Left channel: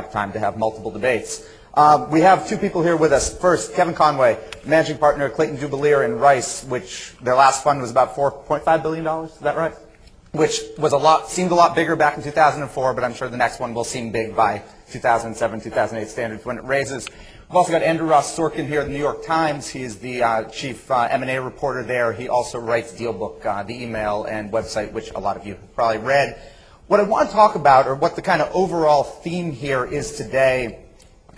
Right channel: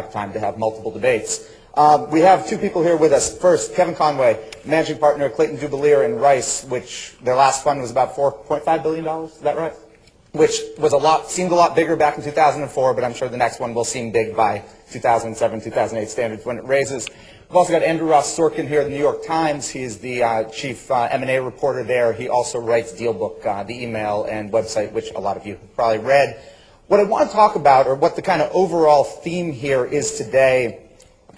have time to have multiple debates. We have two people here with us. First, Kevin Conway, managing partner at Clayton, Dubilier Rice, which their last fund was about $4.5 billion. Is that right? Which was seemed a lot bigger back in 2004, but I'm sure the next one will seem big by 2007, 2008 standards when it raises. We've also got Andrew Ross Sorkin here at the New York Times. He is the chief M&A reporter there. He also writes Dealbook, the email and website, which a lot of you probably read. What I want to talk about, or what the kind of overall theme here is today,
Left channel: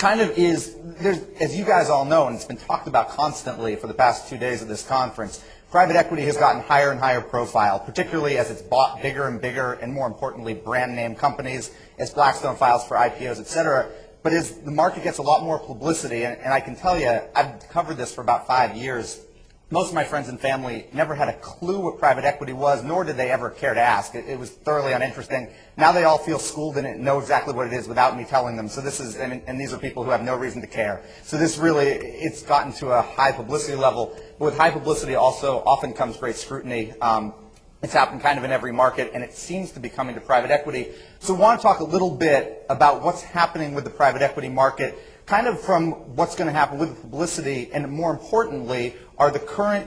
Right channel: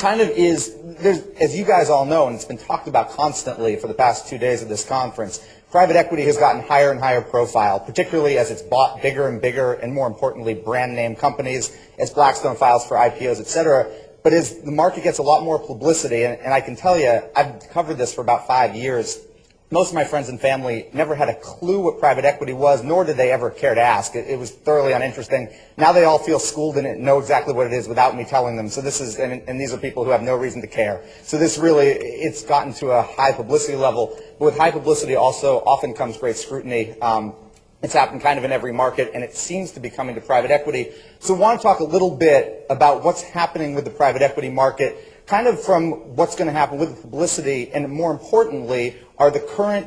as you guys all know, and it's been talked about constantly for the past 2 days of this conference, private equity has gotten higher and higher profile, particularly as it's bought bigger and bigger, and more importantly, brand name companies, as Blackstone files for IPOs, et cetera. But as the market gets a lot more publicity, and I can tell you, I've covered this for about 5 years, most of my friends and family never had a clue what private equity was, nor did they ever care to ask. It was thoroughly uninteresting. Now they all feel schooled in it and know exactly what it is without me telling them. So this is, and these are people who have no reason to care. So this really, it's gotten to a high publicity level. But with high publicity also often comes great scrutiny. It's happened kind of in every market, and it seems to be coming to private equity. So I want to talk a little bit about what's happening with the private equity market, kind of from what's going to happen with the publicity, and more importantly, are the current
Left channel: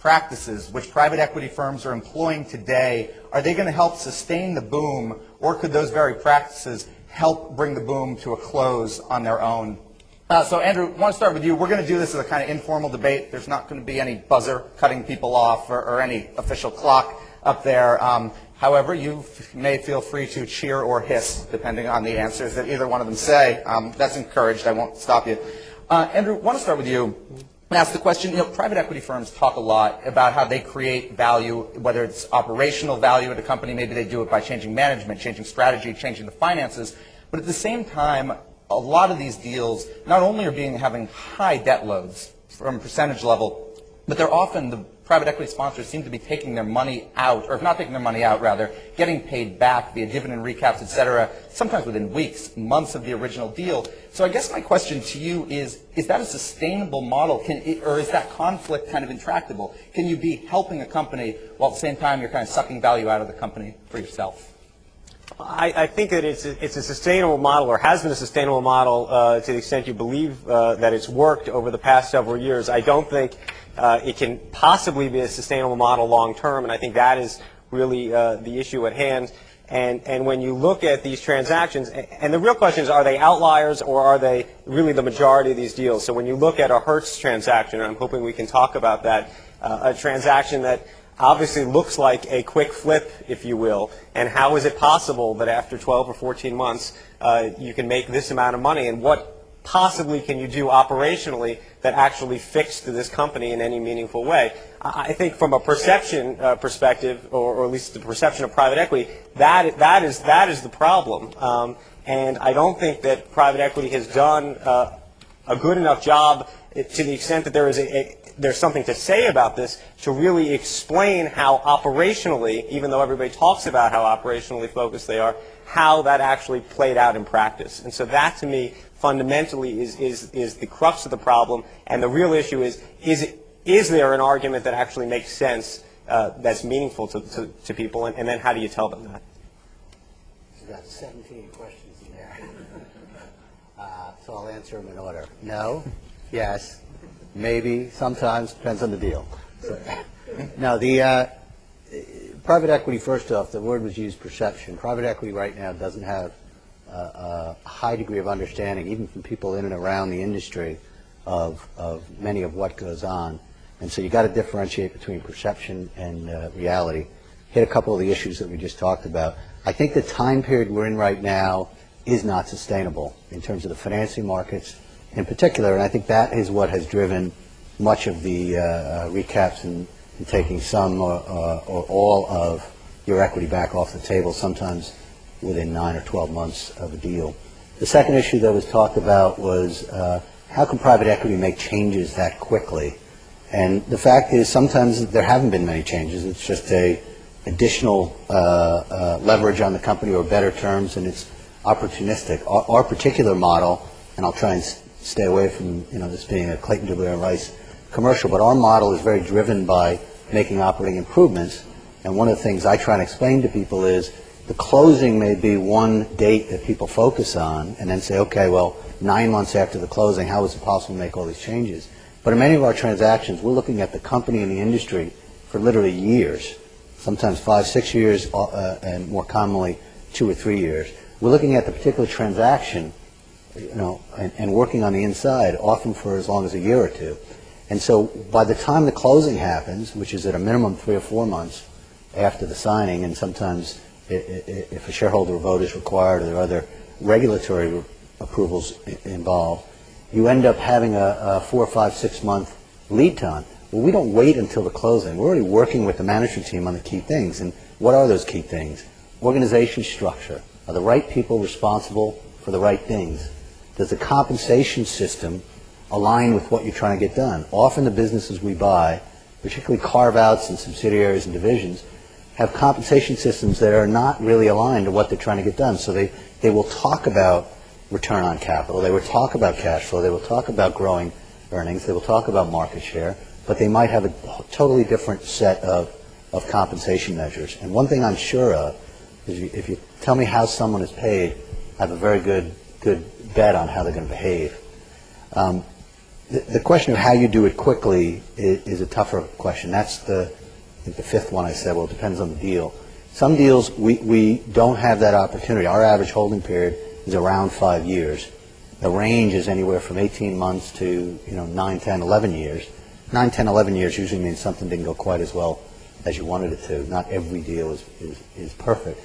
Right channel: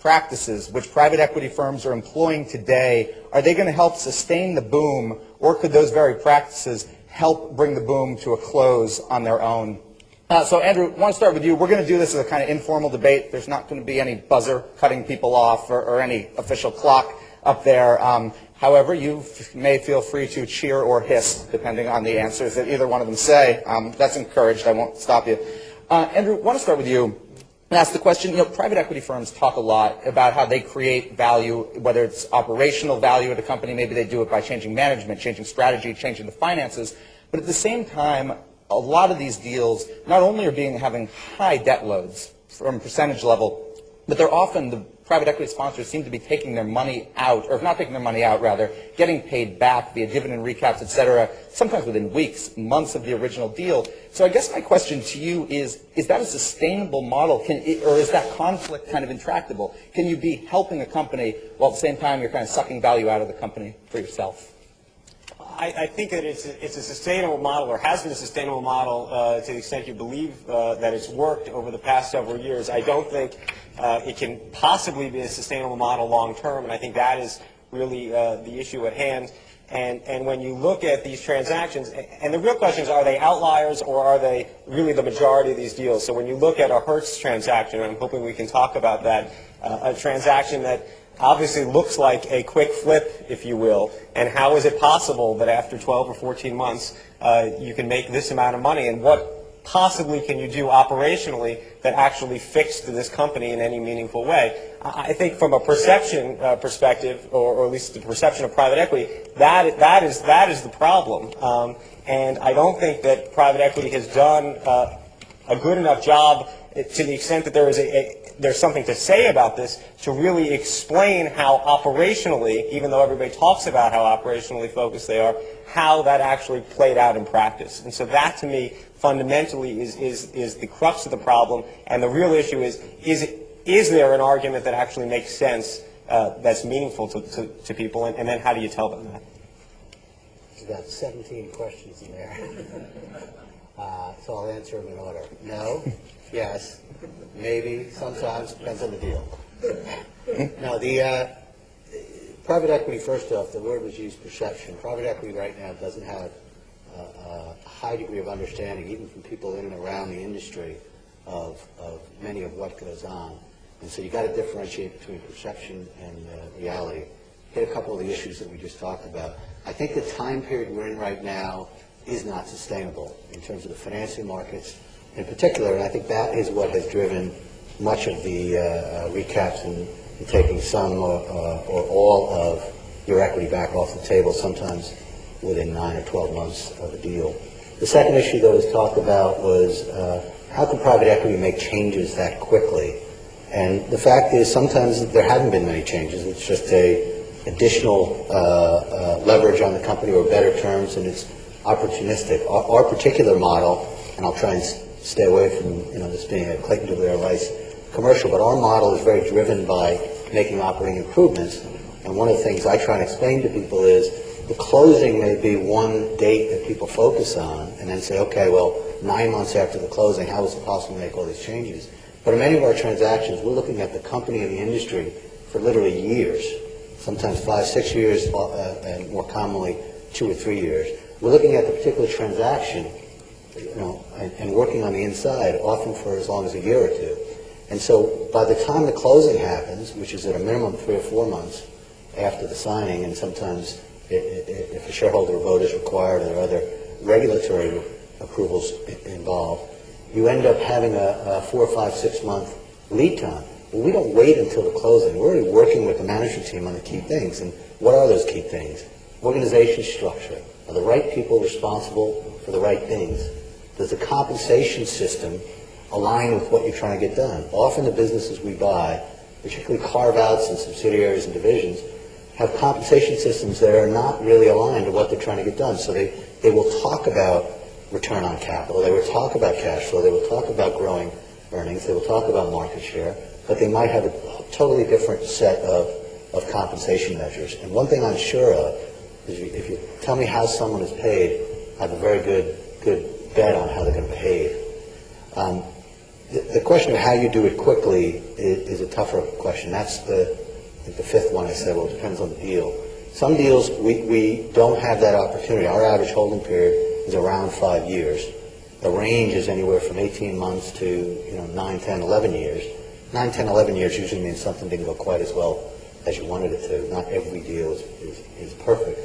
practices which private equity firms are employing today, are they going to help sustain the boom, or could those very practices help bring the boom to a close on their own? So Andrew, I want to start with you. We're going to do this as a kind of informal debate. There's not going to be any buzzer cutting people off or any official clock up there. However, you may feel free to cheer or hiss, depending on the answers that either one of them say. That's encouraged. I won't stop you. Andrew, I want to start with you and ask the question, private equity firms talk a lot about how they create value, whether it's operational value at a company. Maybe they do it by changing management, changing strategy, changing the finances. But at the same time, a lot of these deals not only are having high debt loads from a percentage level, but they're often, the private equity sponsors seem to be taking their money out, or if not taking their money out, rather, getting paid back via dividend recaps, et cetera, sometimes within weeks, months of the original deal. So I guess my question to you is that a sustainable model, or is that conflict kind of intractable? Can you be helping a company while at the same time you're kind of sucking value out of the company for yourself? I think that it's a sustainable model, or has been a sustainable model to the extent you believe that it's worked over the past several years. I don't think it can possibly be a sustainable model long term, and I think that is really the issue at hand. And when you look at these transactions, and the real question is, are they outliers or are they really the majority of these deals? So when you look at a Hertz transaction, and I'm hoping we can talk about that, a transaction that obviously looks like a quick flip, if you will, and how is it possible that after 12 or 14 months you can make this amount of money, and what possibly can you do operationally that actually fixed this company in any meaningful way? I think from a perception perspective, or at least the perception of private equity, that is the problem. And I don't think that private equity has done a good enough job, to the extent that there's something to say about this, to really explain how operationally, even though everybody talks about how operationally focused they are, how that actually played out in practice. And so that, to me, fundamentally is the crux of the problem. And the real issue is there an argument that actually makes sense, that's meaningful to people, and then how do you tell them that? You've got 17 questions in there. So I'll answer them in order. No, yes, maybe, sometimes, depends on the deal. Now, the private equity, first off, the word was used, perception. Private equity right now doesn't have a high degree of understanding, even from people in and around the industry, of many of what goes on. And so you've got to differentiate between perception and reality. Hit a couple of the issues that we just talked about. I think the time period we're in right now is not sustainable in terms of the financing markets in particular, and I think that is what has driven much of the recaps and taking some or all of your equity back off the table, sometimes within 9 or 12 months of a deal. The second issue that was talked about was how can private equity make changes that quickly? And the fact is sometimes there haven't been many changes. It's just additional leverage on the company or better terms, and it's opportunistic. Our particular model, and I'll try and stay away from this being a Clayton Dubilier Rice commercial, but our model is very driven by making operating improvements. And one of the things I try and explain to people is The closing may be one date that people focus on and then say, okay, well, 9 months after the closing, how is it possible to make all these changes? But in many of our transactions, we're looking at the company and the industry for literally years, sometimes 5, 6 years, and more commonly 2 or 3 years. We're looking at the particular transaction, and working on the inside, often for as long as a year or two. And so by the time the closing happens, which is at a minimum 3 or 4 months after the signing, and sometimes if a shareholder vote is required, there are other regulatory approvals involved, you end up having a 4, 5, 6 month lead time. Well, we don't wait until the closing. We're already working with the management team on the key things. And what are those key things? Organization structure. Are the right people responsible for the right things? Does the compensation system align with what you're trying to get done? Often the businesses we buy, particularly carve-outs and subsidiaries and divisions, have compensation systems that are not really aligned to what they're trying to get done. So they will talk about return on capital, they will talk about cash flow, they will talk about growing earnings, they will talk about market share, but they might have a totally different set of compensation measures. And one thing I'm sure of is if you tell me how someone is paid, I have a very good bet on how they're going to behave. The question of how you do it quickly is a tougher question. That's the fifth one I said. Well, it depends on the deal. Some deals we don't have that opportunity. Our average holding period is around 5 years. The range is anywhere from 18 months to 9, 10, 11 years. 9, 10, 11 years usually means something didn't go quite as well as you wanted it to. Not every deal is perfect.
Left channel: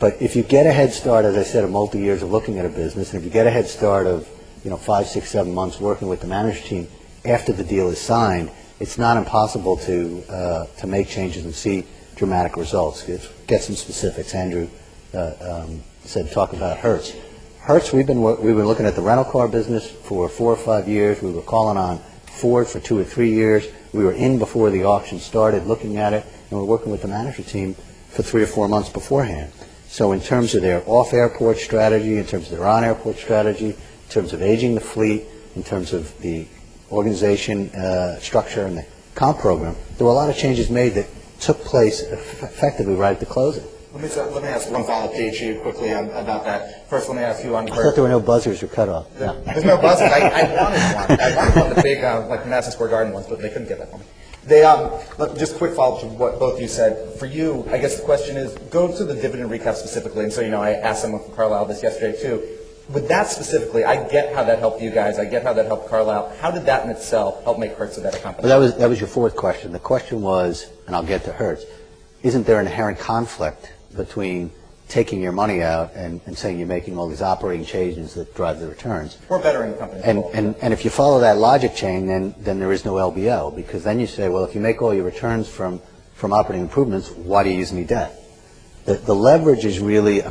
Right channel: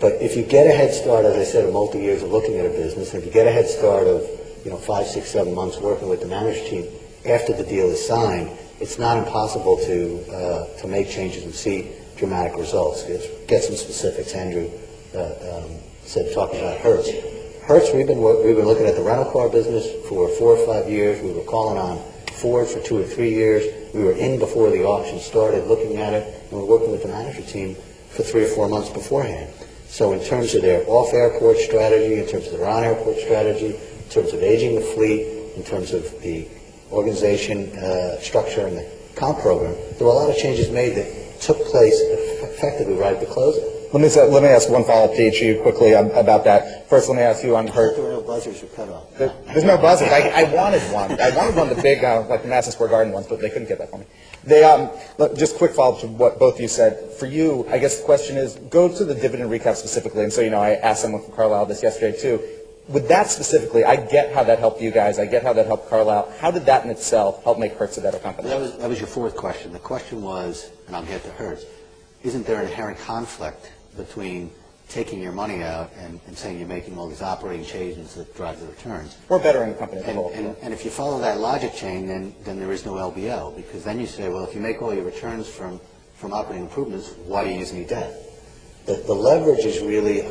But if you get a head start, as I said, of multi-years of looking at a business, and if you get a head start of 5, 6, 7 months working with the management team after the deal is signed, it's not impossible to make changes and see dramatic results. Get some specifics. Andrew said talk about Hertz. Hertz, we've been looking at the rental car business for 4 or 5 years. We were calling on Ford for 2 or 3 years. We were in before the auction started, looking at it, and we're working with the management team for 3 or 4 months beforehand. So in terms of their off-airport strategy, in terms of their on-airport strategy, in terms of aging the fleet, in terms of the organization structure and the comp program, there were a lot of changes made that took place effectively right at the closing. Let me ask one follow-up to each of you quickly about that. First, let me ask you on I thought there were no buzzers or cutoff. Yeah. There's no buzzers. I wanted one. I wanted one of the big, like Madison Square Garden ones, but they couldn't get that for me. Just quick follow-up to what both you said. For you, I guess the question is, go to the dividend recap specifically. And so, I asked him with Carlisle this yesterday, too. With that specifically, I get how that helped you guys. I get how that helped Carlisle. How did that in itself help make Hertz a better company? Well, that was your fourth question. The question was, and I'll get to Hertz, isn't there an inherent conflict between taking your money out and saying you're making all these operating changes that drive the returns? We're bettering the company. And if you follow that logic chain, then there is no LBO, because then you say, well, if you make all your returns from operating improvements, why do you use any debt? The leverage is really a